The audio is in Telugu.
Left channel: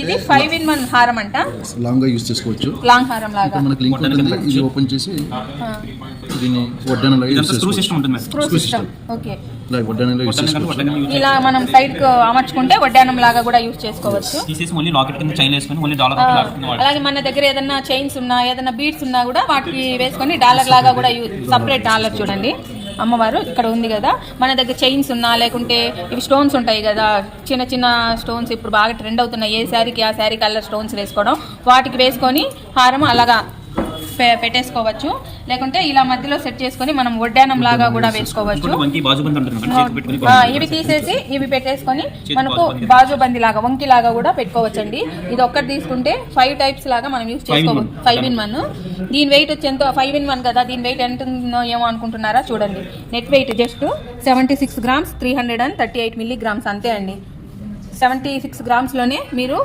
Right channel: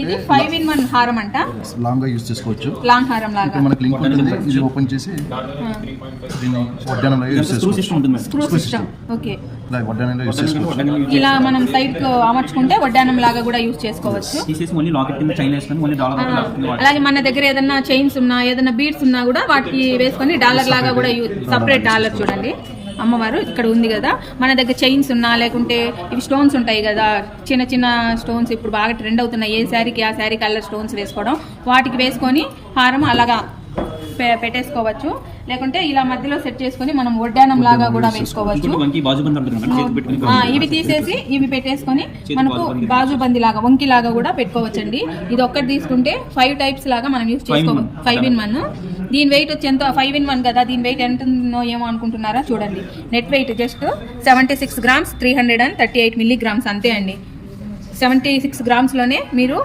ఇది 5-in-1 హారం అంట. లాంగ్ గా యూస్ చేసుకోవచ్చు. లాంగ్ హారం లాగా. ఇక్కడ మనకి లింక్ ఉంటుంది. ఇది ఓపెన్ చేసి దీన్ని వడ్డానంలో యూస్ చేసుకోవచ్చు. Screw system. ఓకే. ఇలా వడ్డానంలో యూస్ చేసుకోవచ్చు. ఇలా మనం సైడ్ కు అమర్చుకుంటే వడ్డానం లాగా కూడా యూస్ చేసుకోవచ్చు. అలాగే మన దగ్గర ఏదైనా చైన్స్ ఉన్నా ఏదైనా బీడ్స్ ఉన్నా కూడా వాటికి వేసుకొని డాలర్ లాగా కూడా సపరేట్ డాలర్ చూడండి అమ్మవారు ఇక్కడ ఉంది కదా. మన దగ్గర చైన్స్ ఉన్నా లేకుంటే ఇవి స్టోన్స్ ఉంటాయి కదా, చిన్న చిన్న స్టోన్స్ ఇప్పుడు బాగా ట్రెండ్ అవుతున్నాయి. ఏ శారీకి ఆ శారీ కలర్ స్టోన్స్ వేసుకోవడం, వాటికి వేసుకొని హారం అలాగా పెట్టేసుకోవచ్చు. లేకుంటే ఇలా మధ్యలో సెట్ చేసుకొని మనం వడ్డానం లాగా కూడా వేసుకోవచ్చు. ఇవి తీసేసి ఇవి పెట్టేసుకొని మనకు బాజుబంది లాగా వంకి లాగా కూడా పెట్టుకోవచ్చు అండి. ఇది ఒక్కటి తీసుకుంటే 5 టైప్స్ లాగా మనం యూజ్ చేసుకోవచ్చు. 5-in-1. దీని వెయిట్ వచ్చి ఎంతో 5-in-1 కదా, దీని వెయిట్ ఎంత ఉందో ఏమో అనుకుంటున్నారా చూడండి. Net weight just 76 grams 338 milligrams అంతే అండి. 76 grams లోనే మీరు